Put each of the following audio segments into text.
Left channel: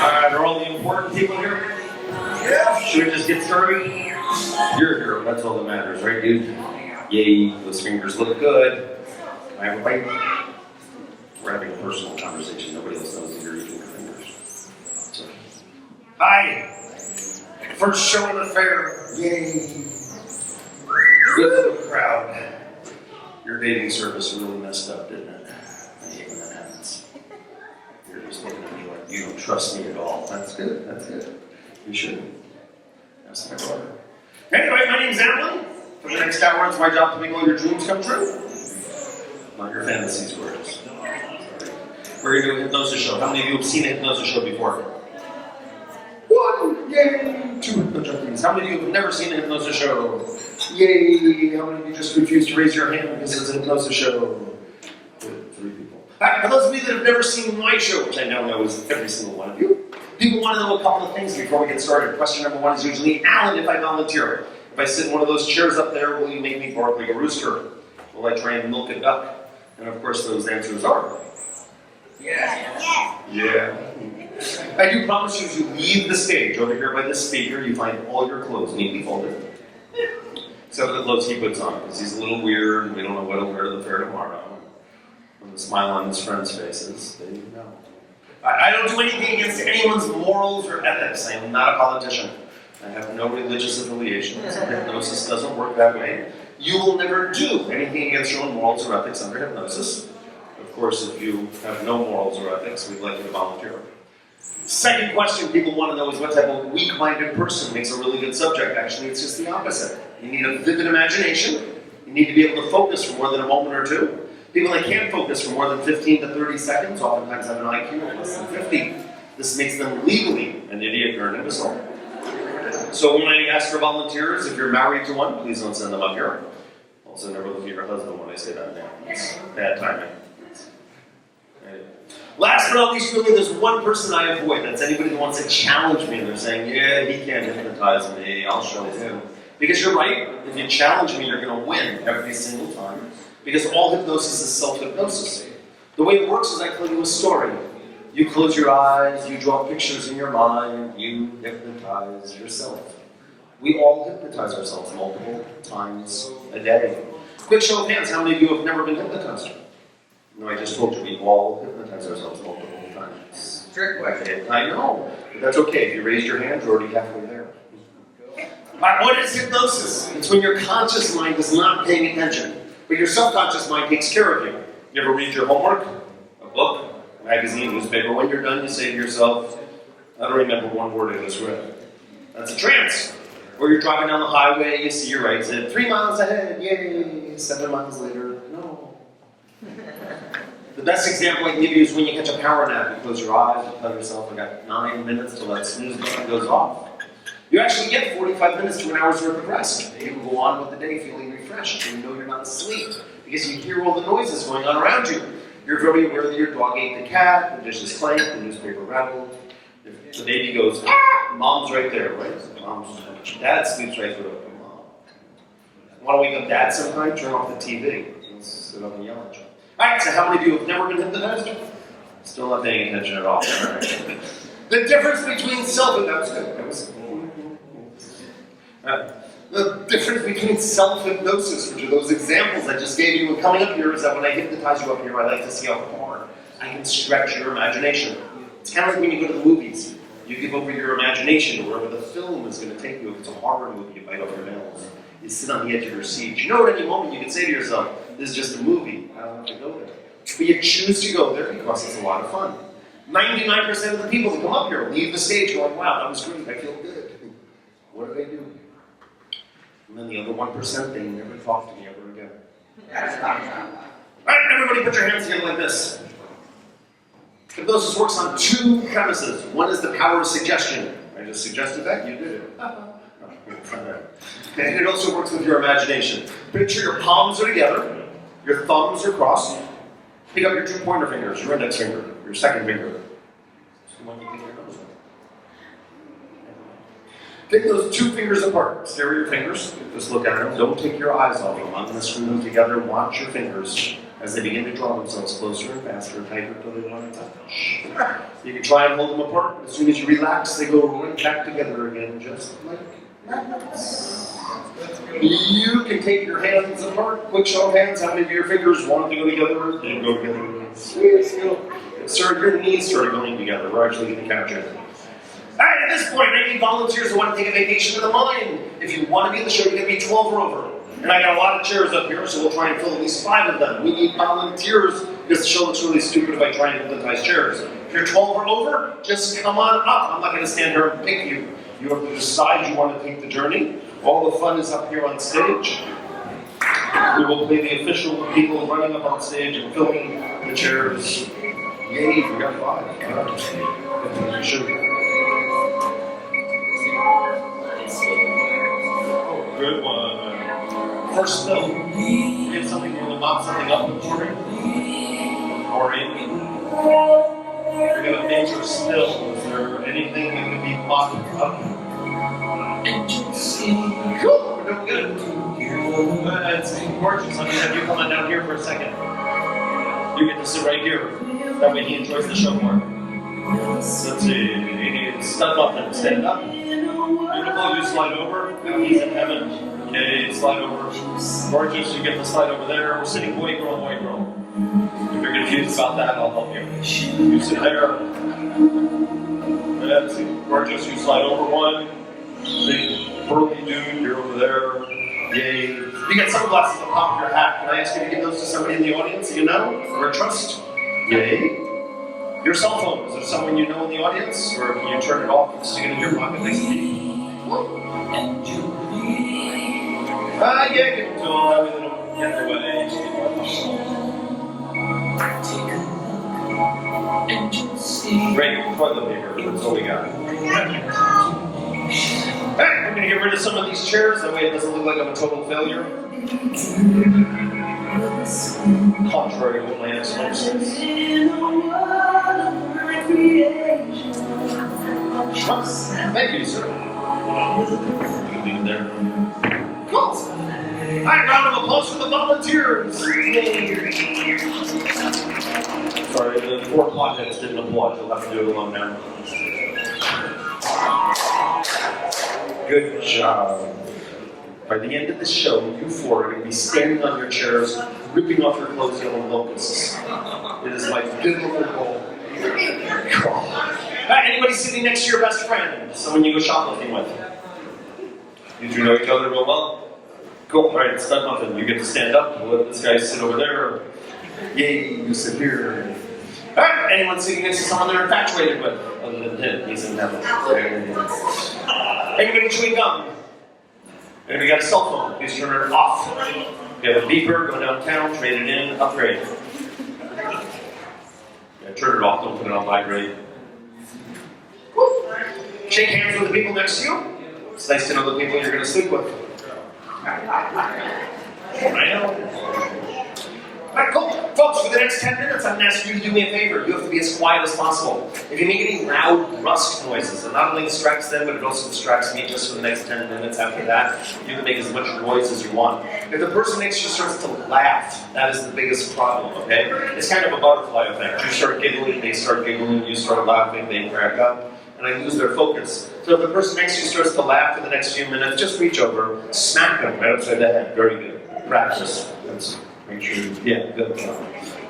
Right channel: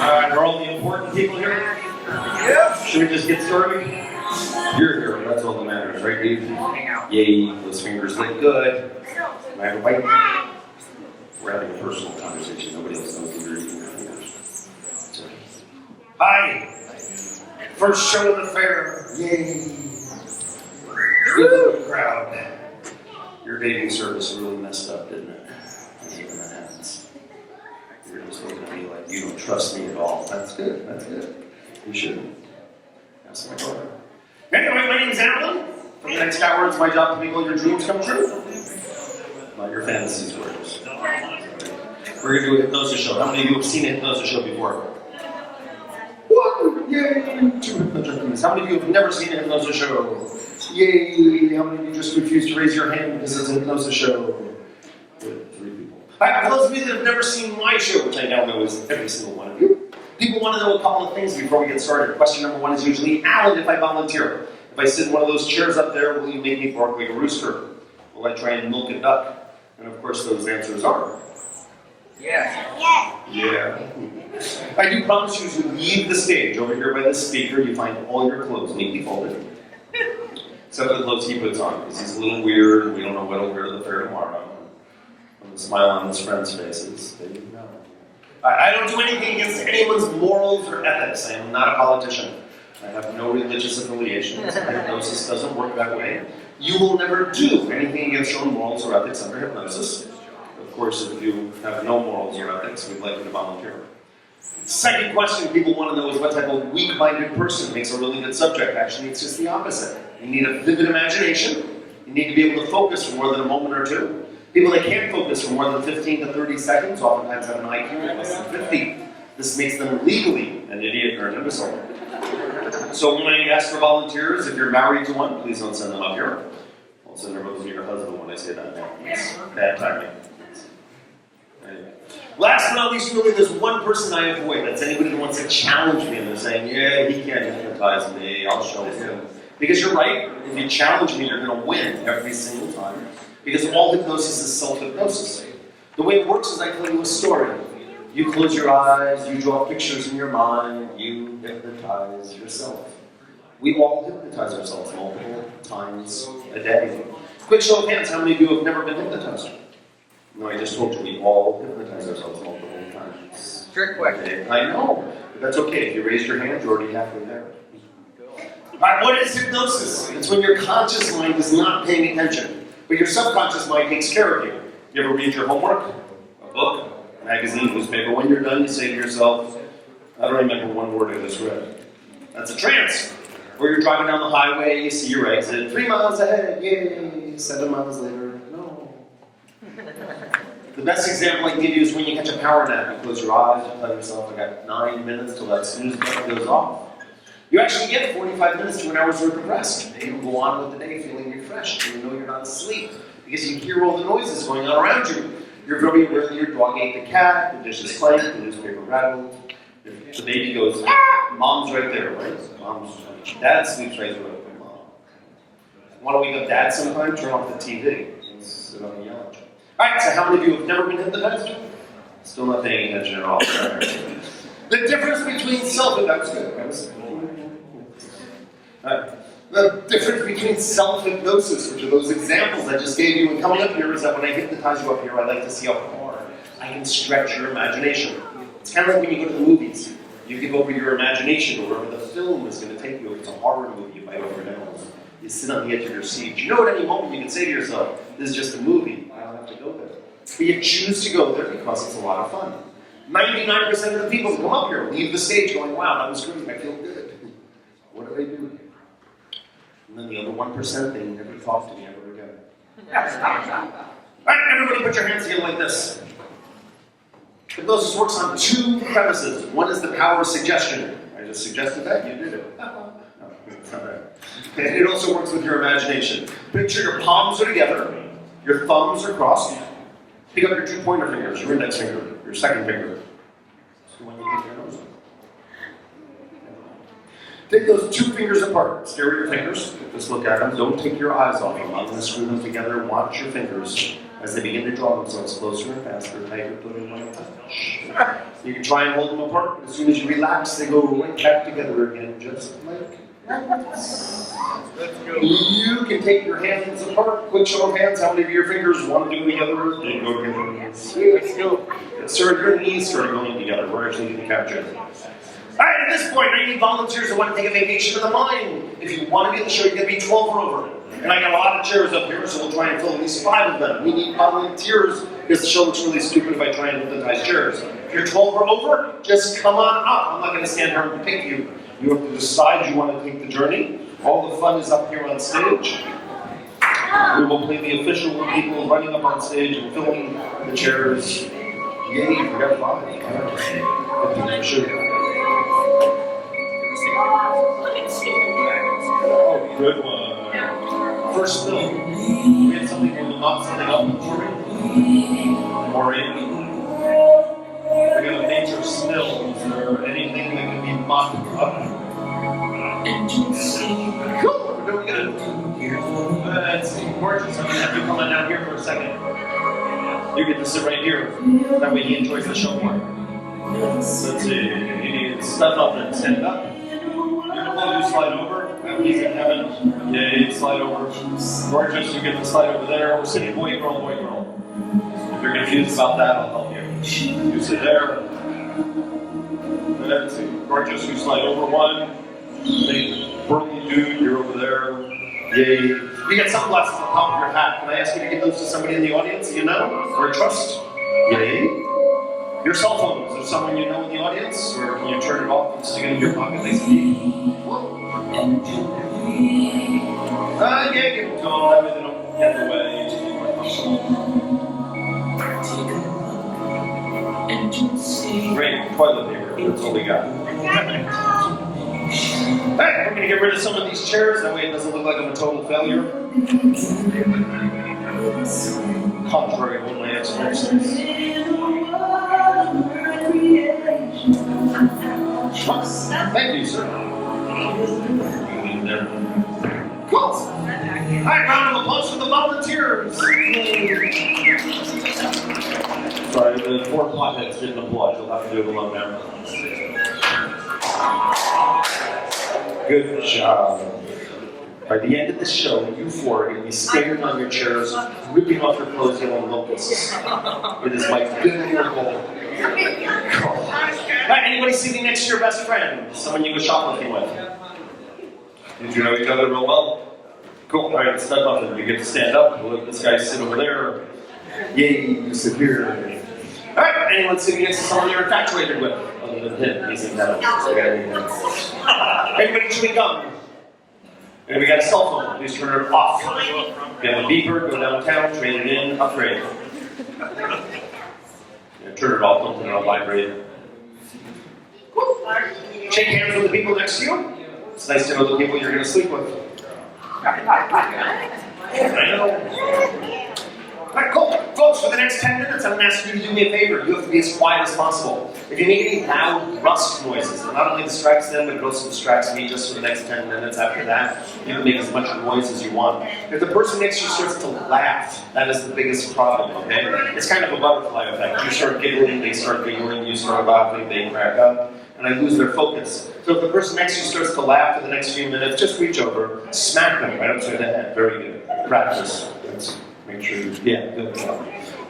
Are all the important people here? Yeah. Should we just get started? You're here. That's all that matters, right, dude? Yay, those fingers look good. Can I have a bite? We're having a personal conversation. Nobody else knows that you're eating your fingers. So. Hi. First show of the fair. Yay. Good crowd. Your dating service really messed up, didn't it? I hate when that happens. You're just looking at me like you don't trust me at all. That's good. That's good. You shouldn't. That's my daughter. Anyway, my name's Alan. For the next hour, it's my job to make all your dreams come true. Not your fantasies, words. We're going to do a hypnosis show. How many of you have seen a hypnosis show before? One! Yay! Two hypnosis. How many of you have never seen a hypnosis show? Yay! How many of you just refused to raise your hand because it's a hypnosis show? Good. 3 people. Alright, for those of you that have never seen my show, which I now know is every single one of you, people want to know a couple of things before we get started. Question number 1 is usually, Alan, if I volunteer, if I sit in one of those chairs up there, will you make me bark like a rooster? Will I try and milk a duck? And of course those answers are... Yes. Yeah. I do promise you, as you leave the stage over here by the speaker, you find all your clothes neatly folded. Except for the clothes he puts on, because he's a little weird and we don't know what he'll wear to the fair tomorrow. And the smile on his friends' faces, they know. I don't do anything against anyone's morals or ethics. I am not a politician. I have no religious affiliations. Hypnosis doesn't work that way. You will never do anything against your own morals or ethics under hypnosis. Of course, if you have no morals or ethics, we'd like you to volunteer. Second question people want to know is what type of weak-minded person makes a really good subject. Actually, it's just the opposite. You need a vivid imagination. You need to be able to focus for more than a moment or two. People that can't focus for more than 15 to 30 seconds oftentimes have an IQ of less than 50. This makes them legally an idiot or an imbecile. So when I ask for volunteers, if you're married to one, please don't send them up here. Also, never look at your husband when I say that name. It's bad timing. Anyway. Last but not least, really, there's one person I avoid. That's anybody who wants to challenge me. And they're saying, yeah, he can't hypnotize me. I'll show him. Because you're right. If you challenge me, you're going to win every single time. Because all hypnosis is self-hypnosis. The way it works is I tell you a story. You close your eyes, you draw pictures in your mind, you hypnotize yourself. We all hypnotize ourselves multiple times a day. Quick show of hands, how many of you have never been hypnotized? No, I just told you we all hypnotize ourselves multiple times. Trick question. I know, but that's okay. If you raised your hand, you're already halfway there. Right, what is hypnosis? It's when your conscious mind is not paying attention, but your subconscious mind takes care of you. You ever read your homework? A book? A magazine? Newspaper? When you're done, you say to yourself, I don't remember one word I just read. That's a trance. Or you're driving down the highway, you see your exit, 3 miles ahead, yay, 7 miles later, no. The best example I can give you is when you catch a power nap. You close your eyes, you tell yourself, I got 9 minutes till that snooze button goes off. You actually get 45 minutes to an hour's worth of rest. You can go on with the day feeling refreshed, even though you're not asleep, because you hear all the noises going on around you. You're very aware that your dog ate the cat, the dishes clanked, the newspaper rattled, the baby goes, ah! Mom's right there, right? Dad sleeps right through it. Mom. Want to wake up Dad sometime? Turn off the TV. So don't be yelling. Alright, so how many of you have never been hypnotized? Still not paying attention at all. The difference between the difference between self-hypnosis, which are those examples I just gave you, and coming up here is that when I hypnotize you up here, I like to see how far I can stretch your imagination. It's kind of like when you go to the movies. You give over your imagination to wherever the film is going to take you. If it's a horror movie, you bite off your nails. You sit on the edge of your seat. You know at any moment you can say to yourself, this is just a movie. I don't have to go there. But you choose to go there because it's a lot of fun. 99% of the people that come up here leave the stage going, wow, that was great. I feel good. What do they do? And then the other 1%, they never talk to me ever again. All right, everybody put your hands together like this. Hypnosis works on 2 premises. One is the power of suggestion. I just suggested that, you did it. No, it's not that. And it also works with your imagination. Picture your palms are together, your thumbs are crossed. Pick up your 2 pointer fingers, your index finger, your second finger. It's the one you take your nose on. Take those 2 fingers apart. Stare at your fingers. Just look at them. Don't take your eyes off them. I'm going to screw them together. Watch your fingers. As they begin to draw themselves closer and faster, tighter, put in light touch. You can try and hold them apart, but as soon as you relax, they go right back together again, just like that. You can take your hands apart. Quick show of hands. How many of your fingers want to go together? They go together. Let's go. Sir, your knees started going together. We're actually going to count it. Alright, at this point, I need volunteers who want to take a vacation to the mind. If you want to be in the show, you're going to be 12 or over. And I got a lot of chairs up here, so we'll try and fill at least 5 of them. We need volunteers, because the show looks really stupid if I try and hypnotize chairs. If you're 12 or over, just come on up. I'm not going to stand here and pick you. You have to decide you want to take the journey. All the fun is up here on stage. We will play the official people running up on stage and filling the chairs. Yay, you forgot 5. All right. Sure. Oh, good one. First spill. We had something on the mop, something up before me. Maureen. We're going to nature spill. Is there anything that can be mopped up? Cool. We're doing good. It's gorgeous. I'm going to have you come on down here for a second. You get to sit right here. That way he enjoys the show more. Let's see. Step up and stand up. Beautiful. You slide over. He's in heaven. Okay, slide over. Gorgeous. You get to slide over there. We're sitting boy, girl, boy, girl. If you're confused about that, I'll help you. You sit there. That's it. Gorgeous. You slide over one. Big burly dude. You're over there. Yay. You get sunglasses on top of your hat. Can I ask you to give those to somebody in the audience you know or trust? Yay. Your cell phone. Is there someone you know in the audience? Or can you turn it off and stick it in your pocket like Steve? Yeah, give it to them. That way they don't get in the way. Great. Toilet paper. That's what we got. Alright, we're going to get rid of some of these chairs. That way it doesn't look like I'm a total failure. Contrary to what my expert says. Thank you, sir. There. Cool. Alright, round of applause for the volunteers. Sorry, the 4 clockheads didn't applaud. You'll have to do it alone now. Good job. By the end of the show, you 4 are going to be standing on your chairs, ripping off your clothes, yelling locusts. It is my biblical goal. Alright, anybody sitting next to your best friend? Someone you go shoplifting with? You 2 know each other real well? Cool. Alright, step up and you get to stand up. We'll let this guy sit over there. Yay, you sit here. Alright, anyone sitting next to someone they're infatuated with? Other than him, he's in heaven. Everybody chewing gum. And we got a cell phone, please turn it off. If you have a beeper, go downtown, trade it in, upgrade. Yeah, turn it off, don't put it on vibrate. Shake hands with the people next to you. It's nice to know the people you're going to sleep with. I know. Alright, cool. Folks, for the next 10 minutes, I'm going to ask you to do me a favor. You have to be as quiet as possible. If you make any loud rust noises, it not only distracts them, but it also distracts me just for the next 10 minutes after that. You can make as much noise as you want. If the person next to you starts to laugh, that is the biggest problem, okay? It's kind of a butterfly effect. You start giggling, they start giggling, you start laughing, they crack up, and I lose their focus. So if the person next to you starts to laugh for the next few minutes, just reach over, smack them right upside the head. Very good. Practice. That's make sure you, yeah, good.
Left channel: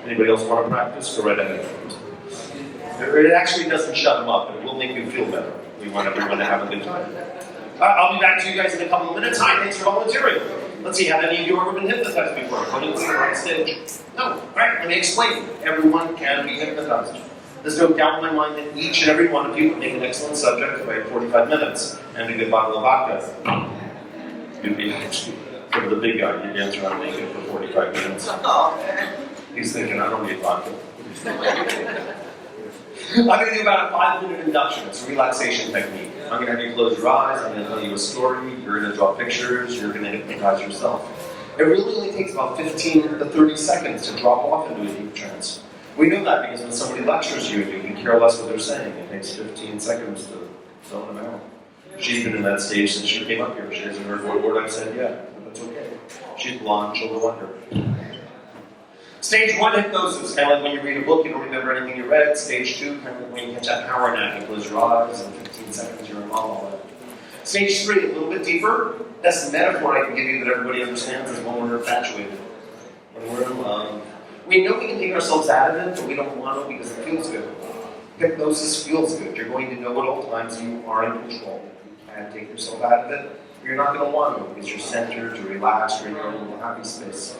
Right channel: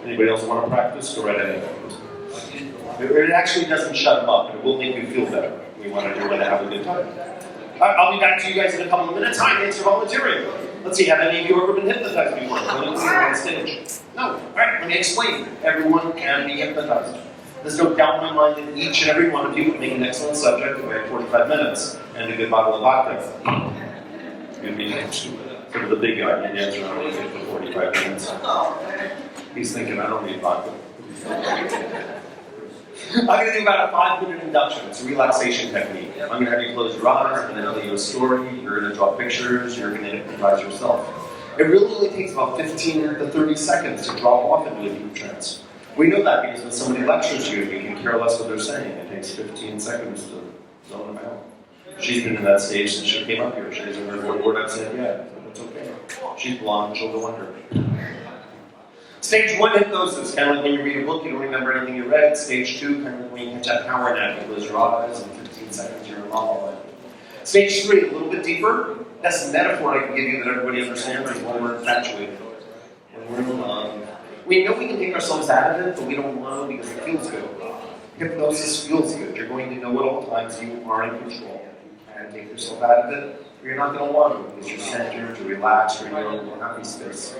Anybody else want to practice? Go right ahead. It actually doesn't shut them up, but it will make you feel better. We want everyone to have a good time. I'll be back to you guys in a couple of minutes. Hi, thanks for volunteering. Let's see, have any of you ever been hypnotized before? When you on stage? No. All right, let me explain. Everyone can be hypnotized. There's no doubt in my mind that each and every one of you would make an excellent subject if I had 45 minutes and a good bottle of vodka. You'd be sort of the big guy. You'd dance around naked for 45 minutes. He's thinking, I don't need vodka. I'm going to do about a 5-minute induction. It's a relaxation technique. I'm going to have you close your eyes. I'm going to tell you a story. You're going to draw pictures. You're going to hypnotize yourself. It really only takes about 15 to 30 seconds to drop off into a deep trance. We know that because when somebody lectures you, you can care less what they're saying. It takes 15 seconds to zone them out. She's been in that stage since she came up here. She hasn't heard one word I've said yet, but that's okay. She's blonde, she'll go under. Stage 1, hypnosis. Kind of like when you read a book, you don't remember anything you read. Stage 2, kind of like when you catch that power nap. You close your eyes, and in 15 seconds you're in monologue. Stage 3, a little bit deeper. That's the metaphor I can give you that everybody understands is when we're infatuated. When we're in love. We know we can take ourselves out of it, but we don't want to because it feels good. Hypnosis feels good. You're going to know at all times you are in control. You can't take yourself out of it. You're not going to want to because you're centered, you're relaxed, you're in your own little happy space.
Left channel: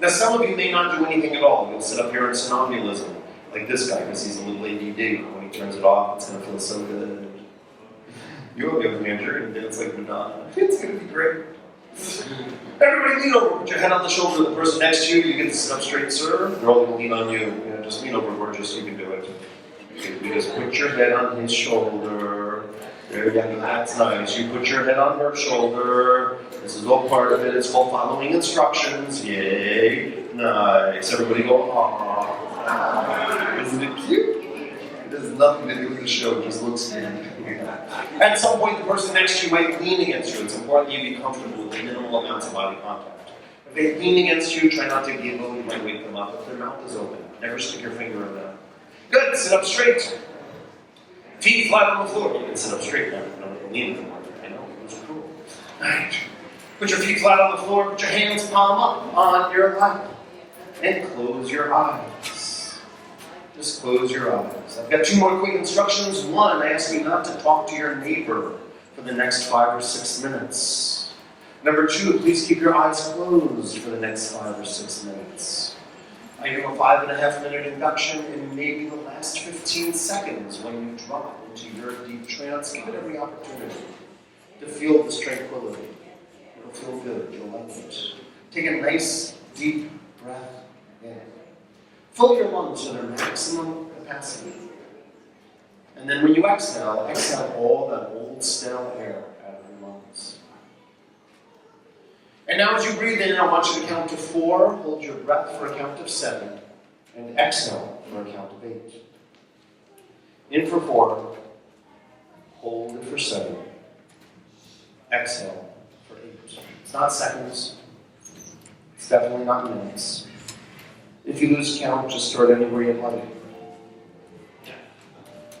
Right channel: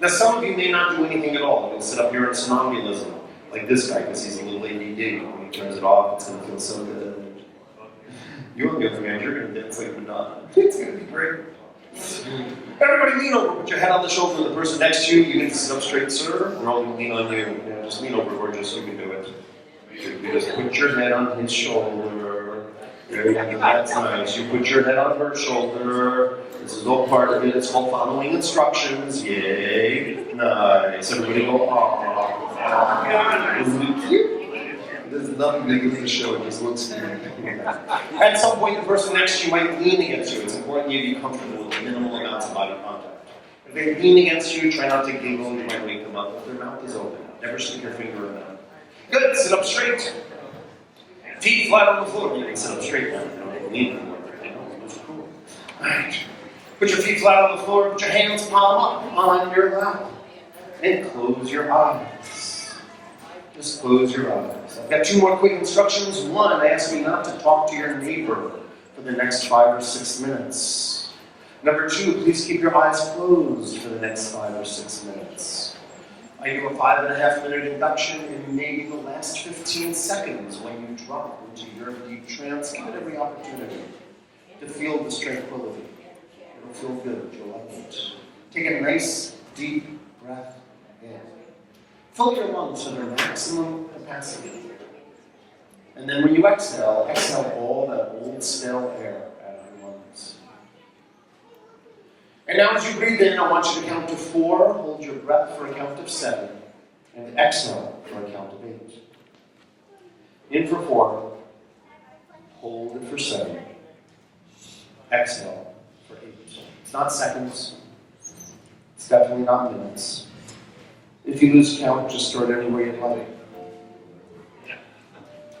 Now, some of you may not do anything at all. You'll sit up here in somnambulism, like this guy, because he's a little ADD. When he turns it off, it's going to feel so good. You on the other hand, you're going to dance like Madonna. It's going to be great. Everybody lean over, put your head on the shoulder of the person next to you. You get to sit up straight, sir. They're all going to lean on you. You know, just lean over, gorgeous, you can do it. You just put your head on his shoulder. There you go, that's nice. You put your head on her shoulder. This is all part of it. It's called following instructions. Yay. Nice. Everybody go, aww. Isn't it cute? There's nothing to do with the show. It just looks cute. At some point, the person next to you might lean against you. It's important you be comfortable with minimal amounts of body contact. If they lean against you, try not to giggle. You might wake them up. If their mouth is open, never stick your finger in that. Good. Sit up straight. Feet flat on the floor. You can sit up straight now. You don't need anymore. You know, those are cool. Alright. Put your feet flat on the floor. Put your hands palm up on your lap. And close your eyes. Just close your eyes. I've got 2 more quick instructions. 1, I ask you not to talk to your neighbor for the next 5 or 6 minutes. Number 2, please keep your eyes closed for the next 5 or 6 minutes. I give a 5.5-minute induction, and maybe the last 15 seconds when you drop into your deep trance, give it every opportunity to feel this tranquility. It'll feel good. You'll like it. Take a nice, deep breath in. Fill your lungs to their maximum capacity. And then when you exhale, exhale all that old, stale air out of your lungs. And now as you breathe in, I want you to count to 4, hold your breath for a count of 7, and exhale for a count of 8. In for 4, hold it for 7, exhale for 8. It's not seconds, it's definitely not minutes. If you lose count, just start anywhere you'd like.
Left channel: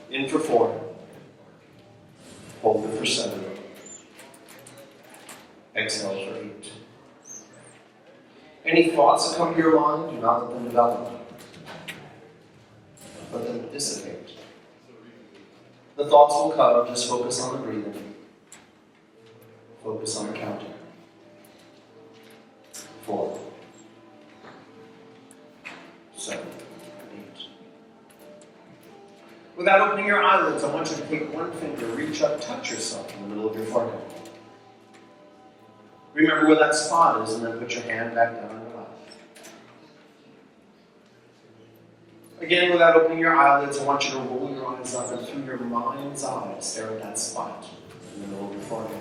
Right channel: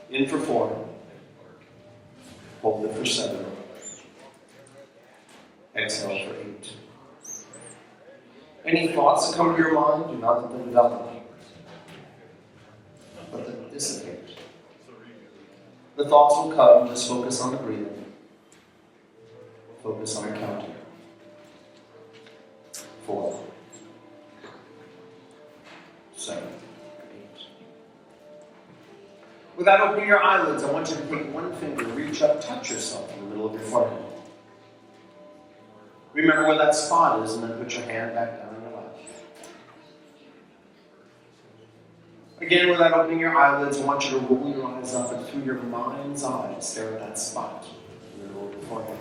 In for 4, hold it for 7, exhale for 8. Any thoughts that come to your mind, do not let them develop. Let them dissipate. The thoughts will come, just focus on the breathing. Focus on the counting. 4, 7, 8. Without opening your eyelids, I want you to take one finger, reach up, touch yourself in the middle of your forehead. Remember where that spot is, and then put your hand back down on your lap. Again, without opening your eyelids, I want you to roll your eyes up and through your mind's eye, stare at that spot in the middle of your forehead.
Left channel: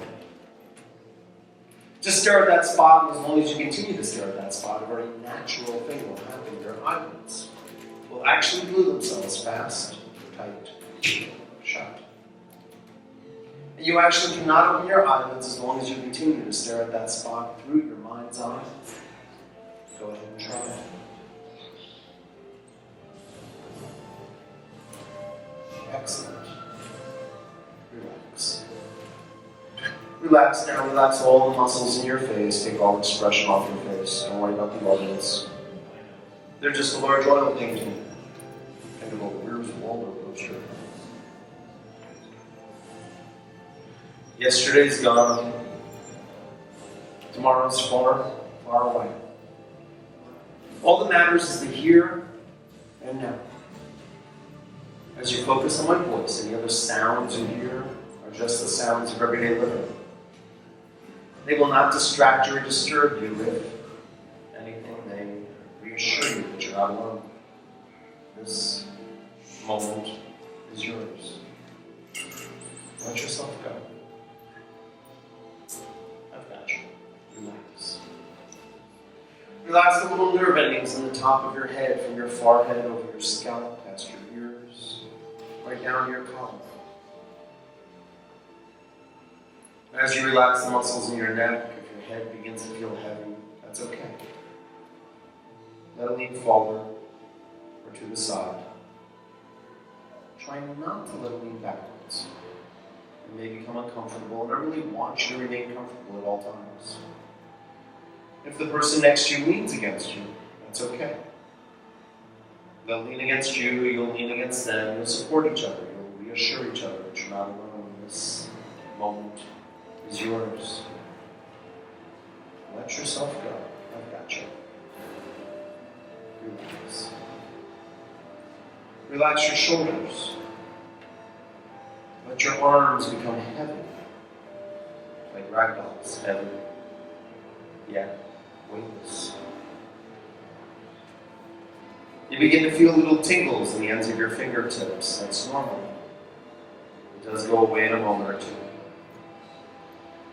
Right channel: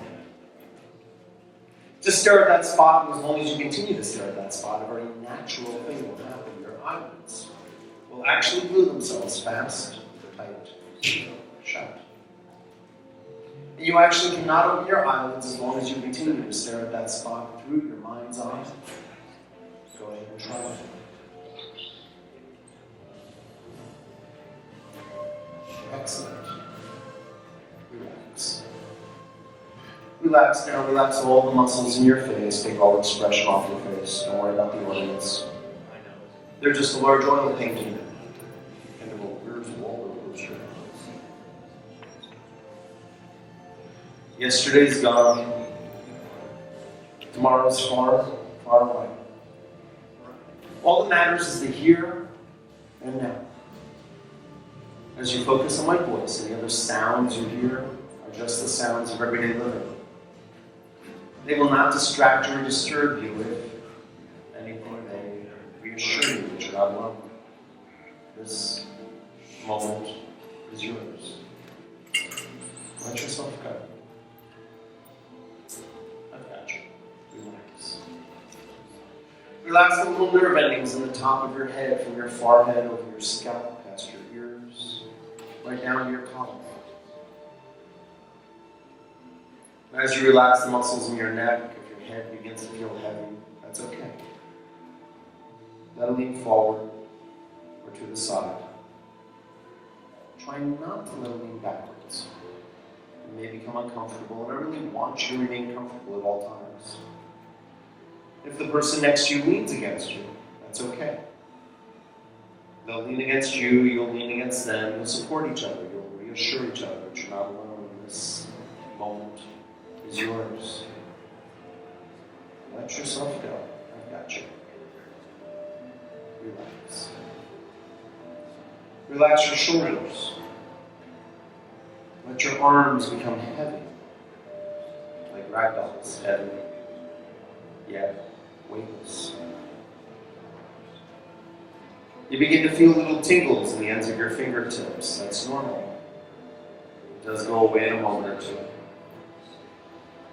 Just stare at that spot, and as long as you continue to stare at that spot, a very natural thing will happen. Your eyelids will actually glue themselves fast, tight, shut. You actually cannot open your eyelids as long as you continue to stare at that spot through your mind's eye. Go ahead and try it. Excellent. Relax. Relax now. Relax all the muscles in your face. Take all expression off your face. Don't worry about the audience. They're just a large oil painting. Think of a Where's Waldo poster. Yesterday's gone. Tomorrow's far, far away. All that matters is the here and now. As you focus on my voice, any other sounds you hear are just the sounds of everyday living. They will not distract you or disturb you. If anything, they reassure you that you're not alone. This moment is yours. Let yourself go. Relax. Relax the little nerve endings in the top of your head, from your forehead over your scalp, past your ears, right down to your collarbone. As you relax the muscles in your neck, if your head begins to feel heavy, that's okay. Let it lean forward or to the side. Try not to let it lean backwards. It may become uncomfortable, and I really want you to remain comfortable at all times. If the person next to you leans against you, that's okay. They'll lean against you, you'll lean against them, you'll support each other, you'll reassure each other that you're not alone. This moment is yours. Let yourself go. I've got you. Relax. Relax your shoulders. Let your arms become heavy, like ragdolls, heavy, yet weightless. You begin to feel little tingles in the ends of your fingertips. That's normal. It does go away in a moment or two.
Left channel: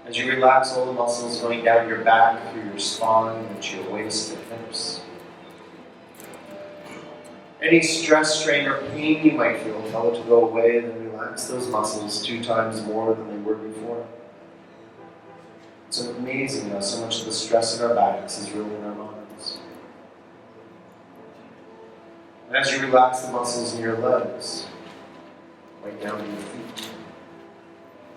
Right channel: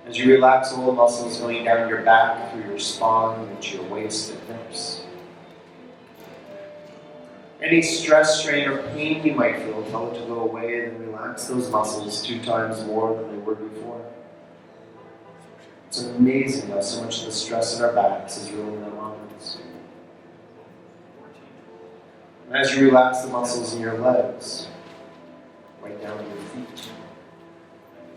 As you relax all the muscles going down your back, through your spine, into your waist and hips. Any stress, strain, or pain you might feel, tell it to go away, and then relax those muscles 2 times more than they were before. It's amazing how so much of the stress in our backs is really in our minds. And as you relax the muscles in your legs, right down to your feet,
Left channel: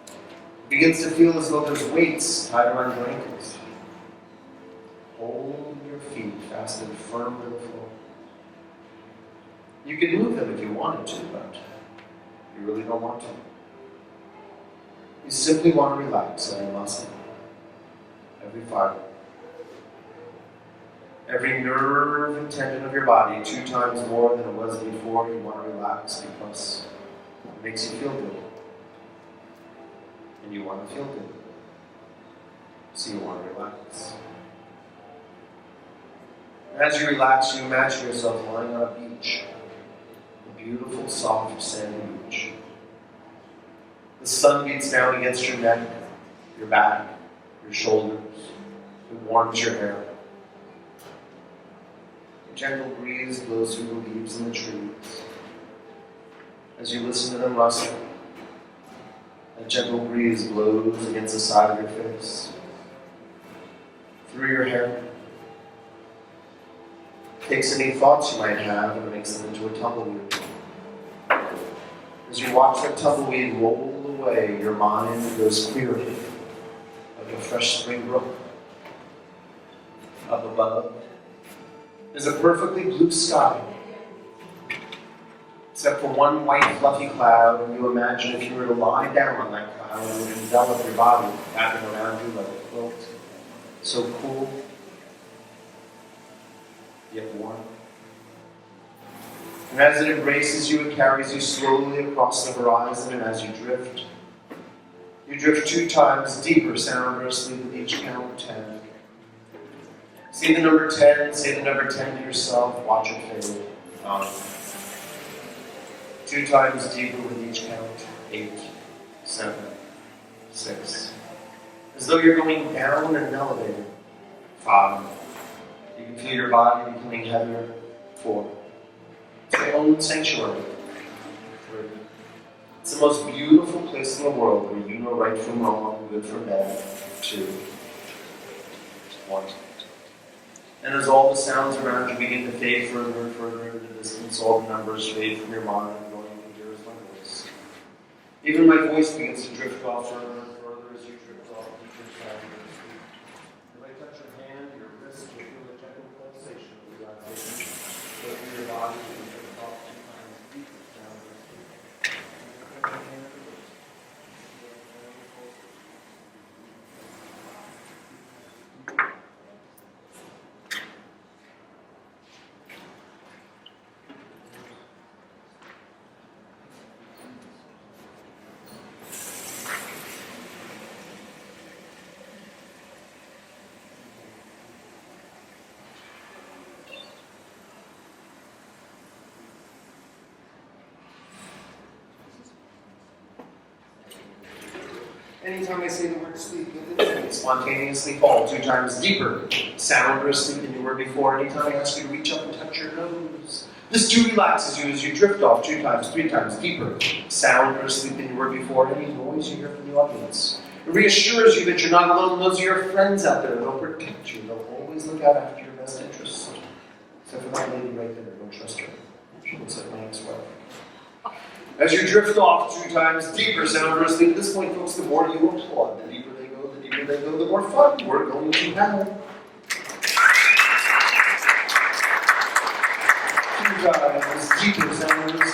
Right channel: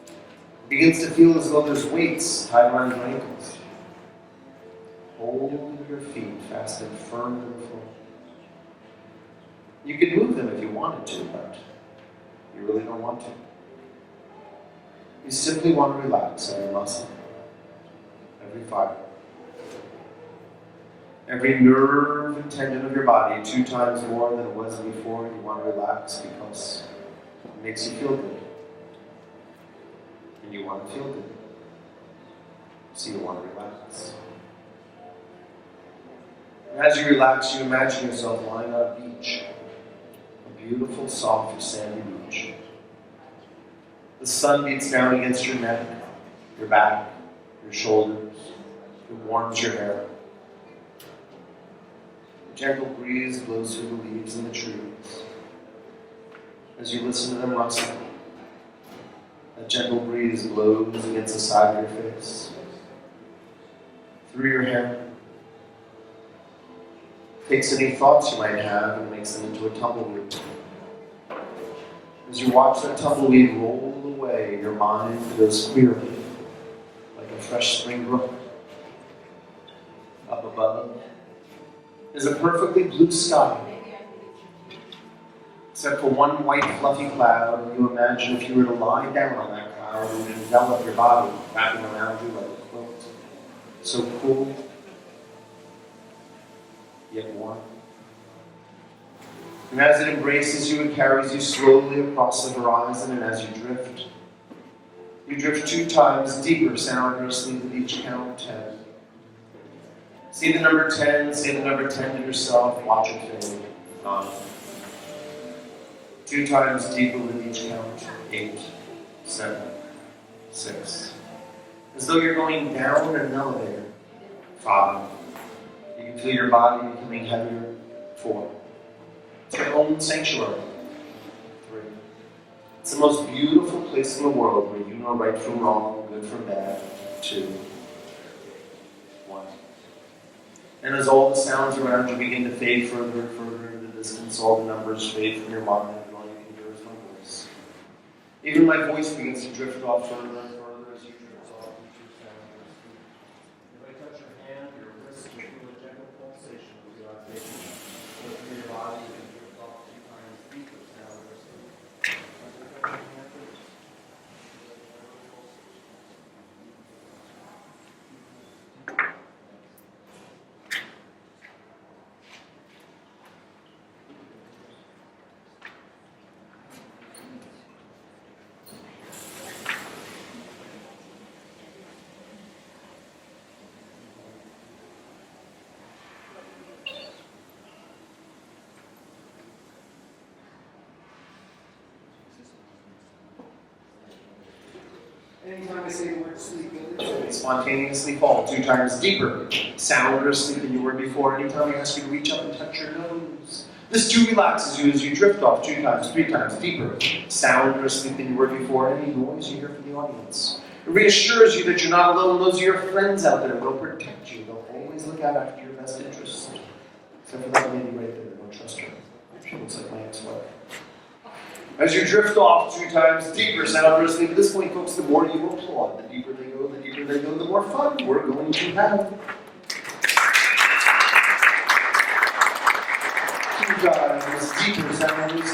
it begins to feel as though there's weights tied around your ankles. Hold your feet fast and firm to the floor. You could move them if you wanted to, but you really don't want to. You simply want to relax every muscle, every fiber, every nerve and tendon of your body 2 times more than it was before. You want to relax because it makes you feel good. And you want to feel good. So you want to relax. And as you relax, you imagine yourself lying on a beach. A beautiful, soft, sandy beach. The sun beats down against your neck, your back, your shoulders. It warms your hair. A gentle breeze blows through the leaves in the trees. As you listen to them rustle, a gentle breeze blows against the side of your face, through your hair. Takes any thoughts you might have and makes them into a tumbleweed. As you watch that tumbleweed roll away, your mind goes clearly, like a fresh spring brook. Up above is a perfectly blue sky, except for one white fluffy cloud, and you imagine if you were to lie down on that cloud and envelop your body, wrapping around you like a quilt. So cool, yet warm. And as it embraces you, it carries you slowly across the horizon, and as you drift 2 times deeper, soundlessly with each count 10. See the number 10, say the number 10 to yourself, watch it fade. 9. 2 times deeper with each count. 8, 7, 6. As though you're going down an elevator. 5. You can feel your body becoming heavier. 4. It's your own sanctuary. 3. It's the most beautiful place in the world where you know right from wrong, good from bad. 2. 1. And as all the sounds around you begin to fade further and further into the distance, all the numbers fade from your mind, going you can hear is my voice. Even my voice begins to drift off further and further as you drift off deeper sound. If I touch your hand, your wrist, you'll feel a gentle pulsation of relaxation. Go through your body, you can drift off 2 times deeper sound. As I touch your hand, your wrist, you'll feel a gentle pulsation. Anytime I say the word sleep, you'll spontaneously fall 2 times deeper, sounder asleep than you were before. Anytime I ask you to reach up and touch your nose, this too relaxes you as you drift off 2 times, 3 times deeper, sounder asleep than you were before. Any noise you hear from the audience, it reassures you that you're not alone. Those are your friends out there. They'll protect you. They'll always look out after your best interests. Except for that lady right there. Don't trust her. She looks like my ex-wife. As you drift off 2 times deeper, sound listening. At this point, folks, the more you applaud, the deeper they go, the more fun we're going to have. 2 times deeper, sound listening.